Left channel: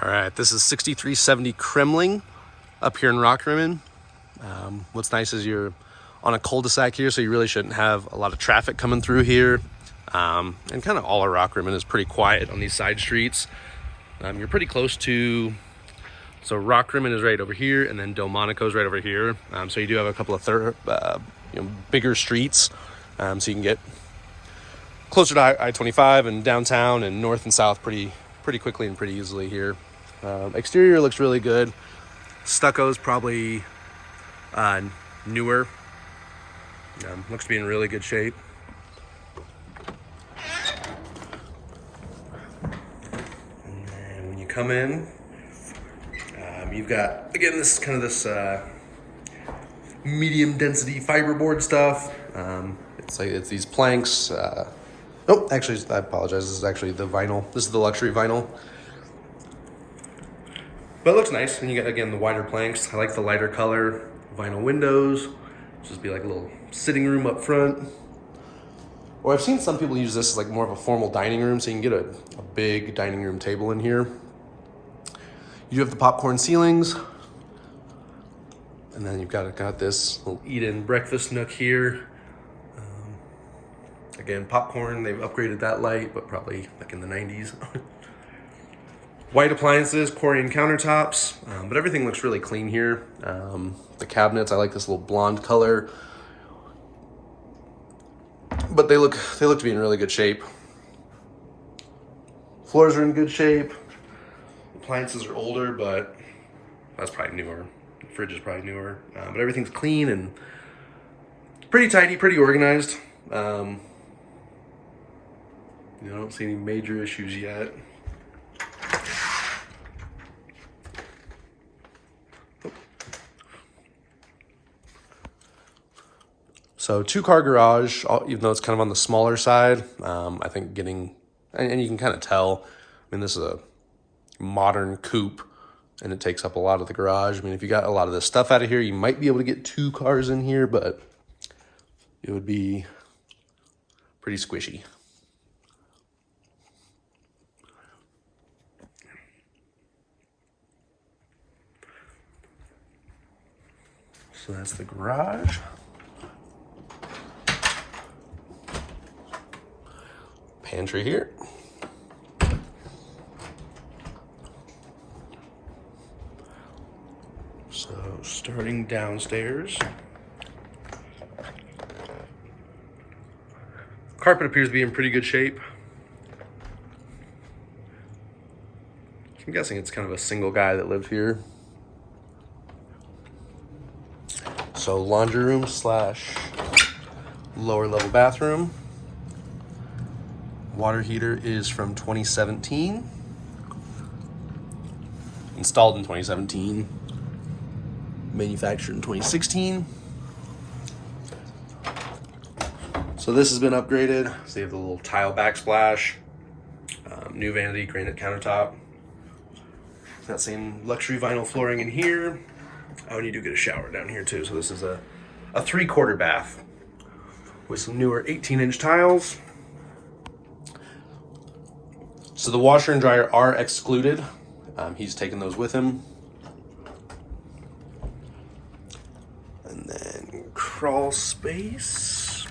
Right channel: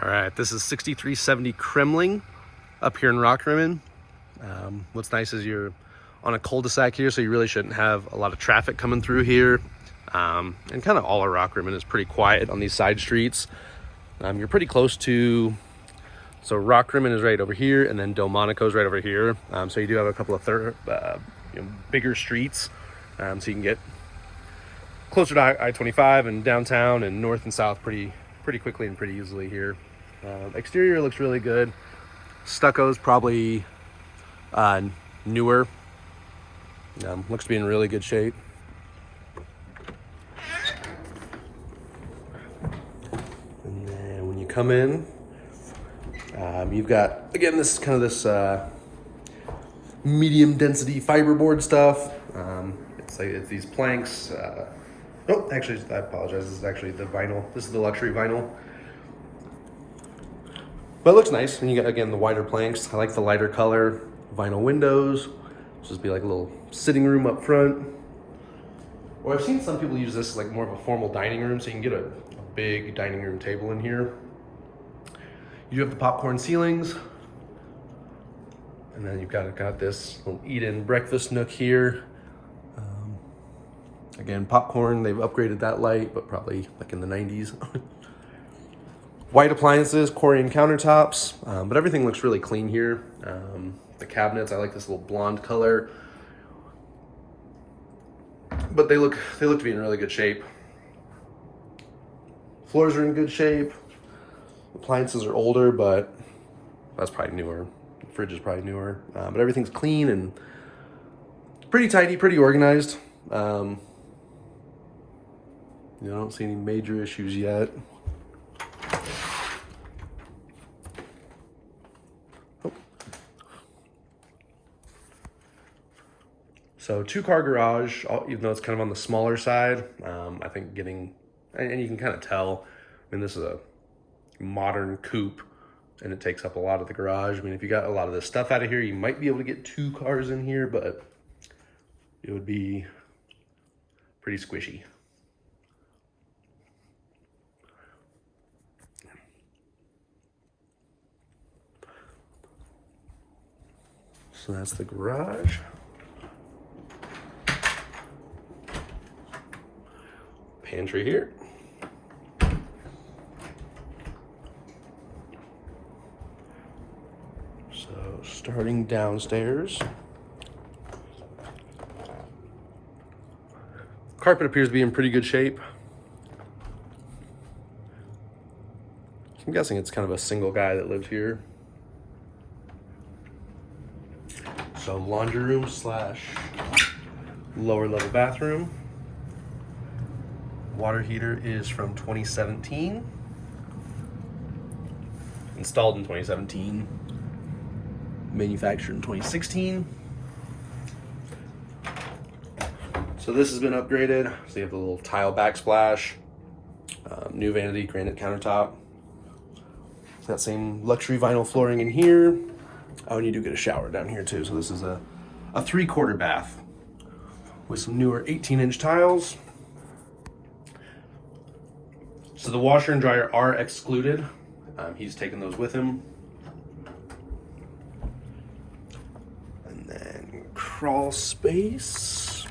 All right, this is 6370 Kremmling up here in Rockrimmon. What's nice is you're on a cul-de-sac here, so you really shouldn't have a lot of traffic coming through here. And kind of all of Rockrimmon is pretty quiet on these side streets. You're pretty close to, so Rockrimmon is right over here, and then Delmonico is right over here. So you do have a couple of bigger streets, so you can get closer to I-25 and downtown and north and south pretty quickly and pretty easily here. Exterior looks really good. Stucco is probably newer. Looks to be in really good shape. And then when you come in, you've got, again, this kind of this medium density fiberboard stuff. It's these planks. Oh, actually, I apologize. This is actually the vinyl. This is the luxury vinyl. But it looks nice. And you got, again, the wider planks. I like the lighter color. Vinyl windows. Just be like a little sitting room up front. Or I've seen some people use this as like more of a formal dining room, so you can get a big dining room table in here. You do have the popcorn ceilings. And then you've got this little eat-in breakfast nook here. Again, popcorn, they've upgraded that light, but probably like in the 90s. White appliances, Corian countertops, but everything looks really clean here. The cabinets, I like this little blonde color. But they look to be in really good shape. Floors are in good shape. Appliances are older, but that's probably newer. The fridge is probably newer. But everything's clean and pretty tidy, pretty organized. I don't see any major issues yet. So 2-car garage, even though it's kind of on the smaller side. I think getting, and you can kind of tell, I mean, this is a modern coupe and it takes up a lot of the garage. I mean, if you got a lot of this stuff out of here, you might be able to get 2 cars in here, but it would be pretty squishy. So that's the garage. Pantry here. So starting downstairs. Carpet appears to be in pretty good shape. I'm guessing it's kind of a single guy that lives here. So laundry room / lower level bathroom. Water heater is from 2017. Installed in 2017. Manufactured in 2016. So this has been upgraded. So you have the little tile backsplash. New vanity granite countertop. That same luxury vinyl flooring in here. Oh, and you do get a shower down here too. So this is a 3/4 bath with some newer 18-inch tiles. So the washer and dryer are excluded. He's taken those with him. And then crawl space.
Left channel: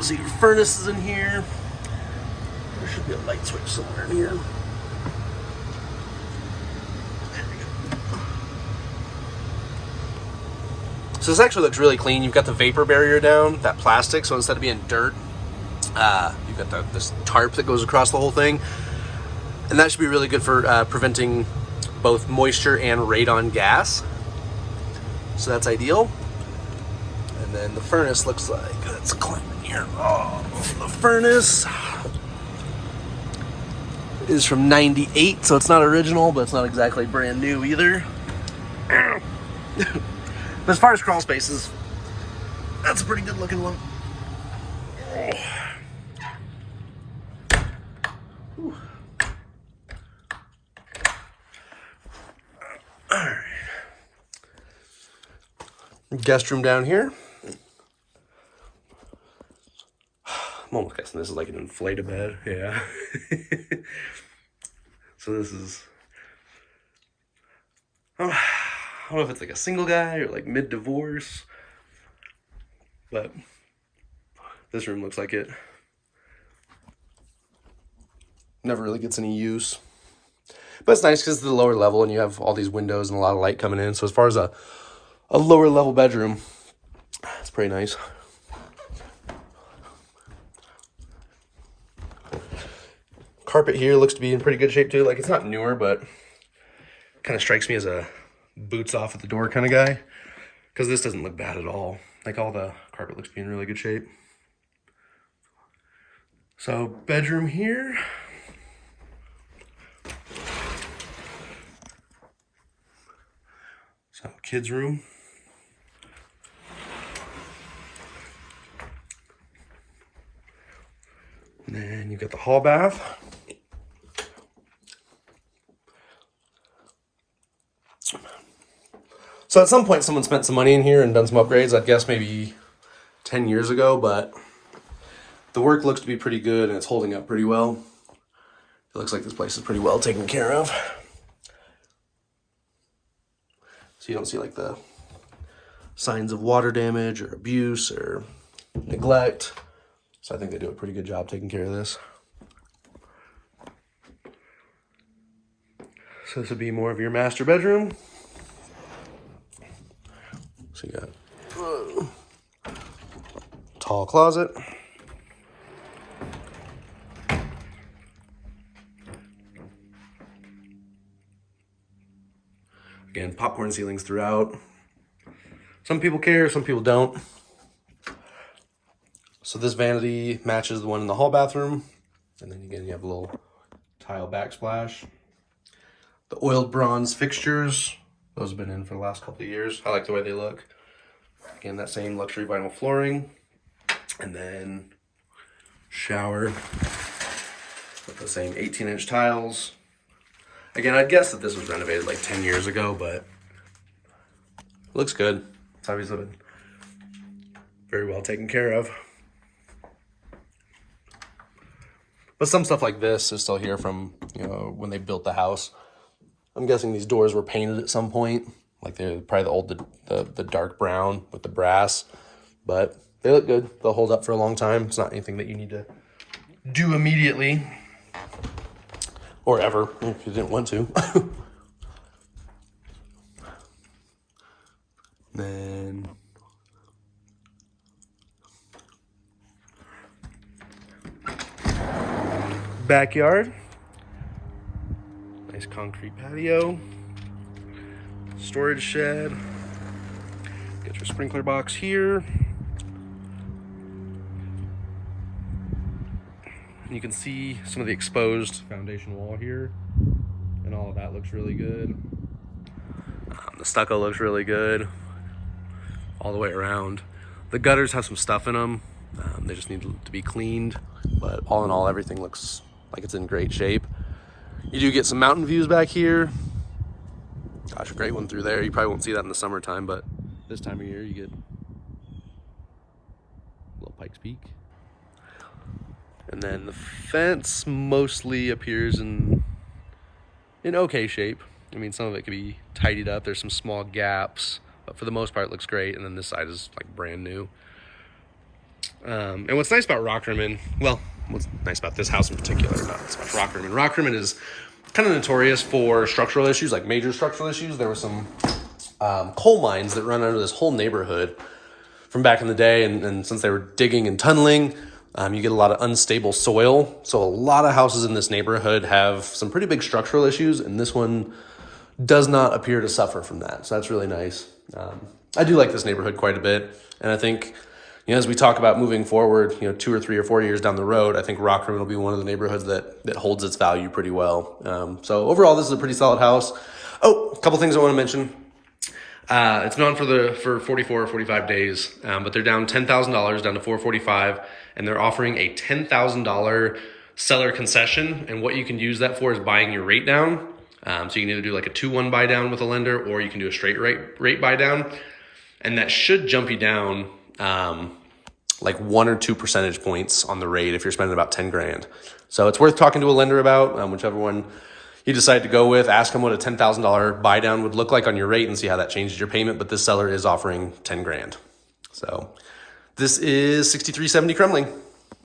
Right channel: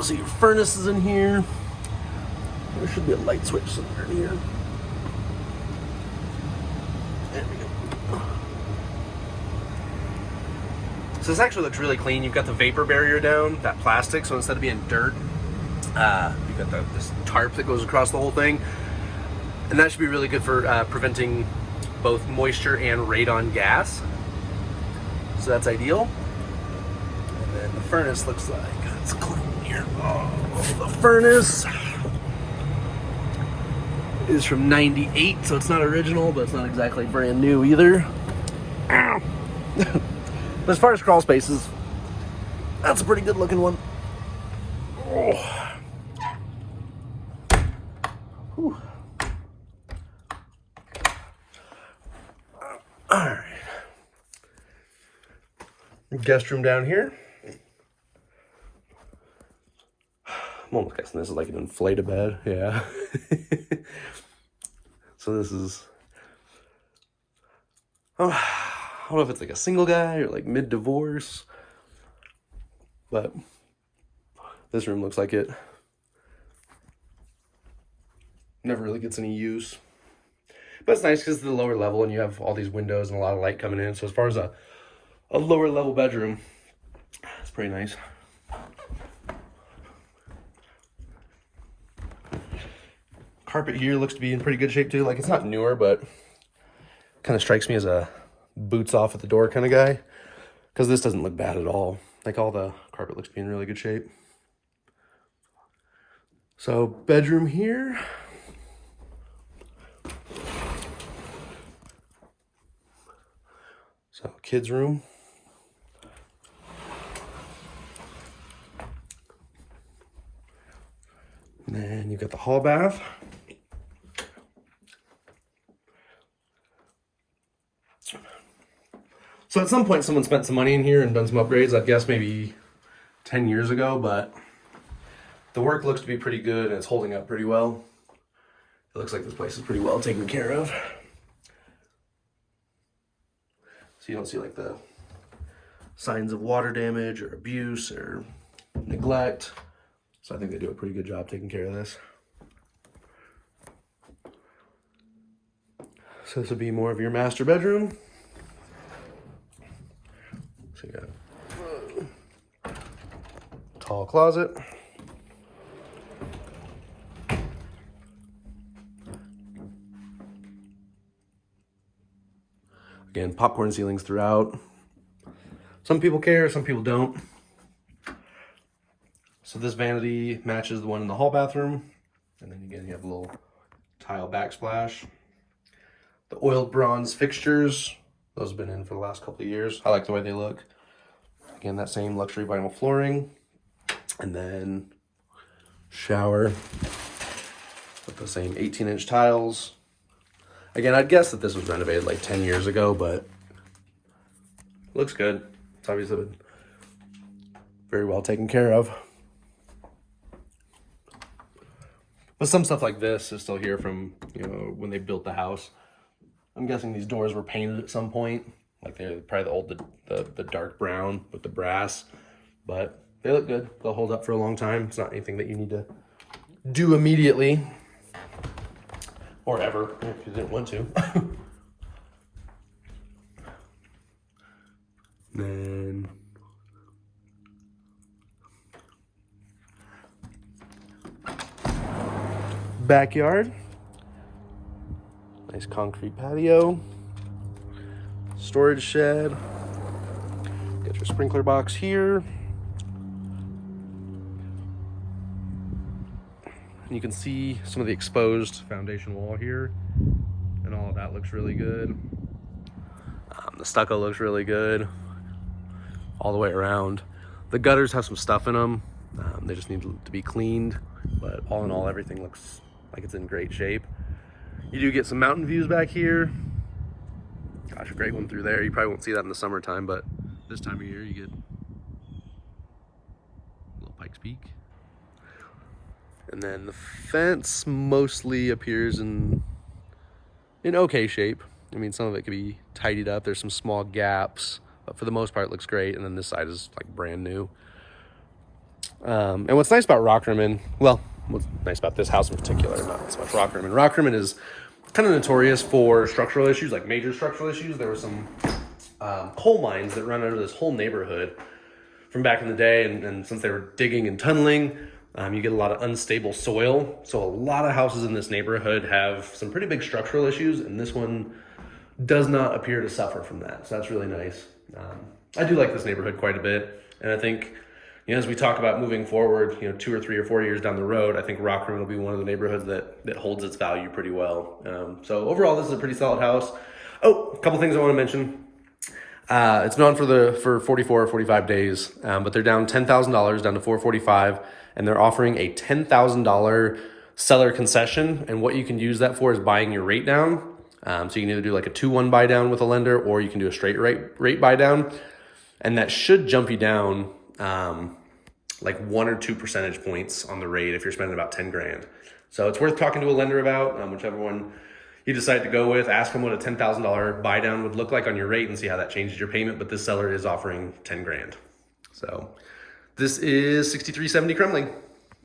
So your furnace is in here. There should be a light switch somewhere in here. There we go. So this actually looks really clean. You've got the vapor barrier down, that plastic, so instead of being dirt, you've got this tarp that goes across the whole thing. And that should be really good for preventing both moisture and radon gas. So that's ideal. And then the furnace looks like, let's climb in here. Oh, the furnace is from 98, so it's not original, but it's not exactly brand new either. But as far as crawl spaces, that's a pretty good looking one. Oh. All right. Guest room down here. I'm almost guessing. guessing this is like an inflated bed. Yeah. So this is, I don't know if it's like a single guy or like mid-divorce, but this room looks like it. Never really gets any use. But it's nice because it's the lower level and you have all these windows and a lot of light coming in. So as far as a lower level bedroom, it's pretty nice. Carpet here looks to be in pretty good shape too. Like, it's not newer, but kind of strikes me as a boots off at the door kind of guy, because this doesn't look bad at all. Like, all the carpet looks to be in really good shape. So bedroom here. So kids room. And then you've got the hall bath. So at some point someone spent some money in here and done some upgrades, I'd guess maybe 10 years ago, but the work looks to be pretty good and it's holding up pretty well. It looks like this place is pretty well taken care of. So you don't see like the signs of water damage or abuse or neglect. So I think they do a pretty good job taking care of this. So this would be more of your master bedroom. So you got tall closet. Again, popcorn ceilings throughout. Some people care, some people don't. So this vanity matches the one in the hall bathroom. And then again, you have a little tile backsplash. The oiled bronze fixtures, those have been in for the last couple of years. I like the way they look. Again, that same luxury vinyl flooring. And then shower with the same 18-inch tiles. Again, I'd guess that this was renovated like 10 years ago, but looks good. It's obviously been very well taken care of. But some stuff like this is still here from, when they built the house. I'm guessing these doors were painted at some point. Like they're probably the dark brown with the brass. But they look good. They'll hold up for a long time. It's not anything that you need to do immediately. Or ever, if you didn't want to. Then backyard. Nice concrete patio. Storage shed. Get your sprinkler box here. You can see some of the exposed foundation wall here, and all of that looks really good. The stucco looks really good all the way around. The gutters have some stuff in them. They just need to be cleaned, but all in all, everything looks like it's in great shape. You do get some mountain views back here. Gosh, a great one through there. You probably won't see that in the summertime, but this time of year you get a little Pikes Peak. And then the fence mostly appears in okay shape. I mean, some of it could be tidied up. There's some small gaps, but for the most part, it looks great. And then this side is like brand new. And what's nice about Rockrimmon, well, what's nice about this house in particular, not so much Rockrimmon. Rockrimmon is kind of notorious for structural issues, like major structural issues. There were some coal mines that run under this whole neighborhood from back in the day. And since they were digging and tunneling, you get a lot of unstable soil. So a lot of houses in this neighborhood have some pretty big structural issues, and this one does not appear to suffer from that. So that's really nice. I do like this neighborhood quite a bit. And I think, as we talk about moving forward, 2 or 3 or 4 years down the road, I think Rockrimmon will be one of the neighborhoods that holds its value pretty well. So overall, this is a pretty solid house. Oh, a couple things I want to mention. It's been on for 44 or 45 days, but they're down $10,000 down to $445, and they're offering a $10,000 seller concession. And what you can use that for is buying your rate down. So you can either do like a 2-1 buy down with a lender, or you can do a straight rate buy down, and that should jump you down like 1 or 2 percentage points on the rate if you're spending about 10 grand. So it's worth talking to a lender about, whichever one you decide to go with. Ask them what a $10,000 buy down would look like on your rate and see how that changes your payment. But this seller is offering 10 grand. So this is 6370 Kremmling.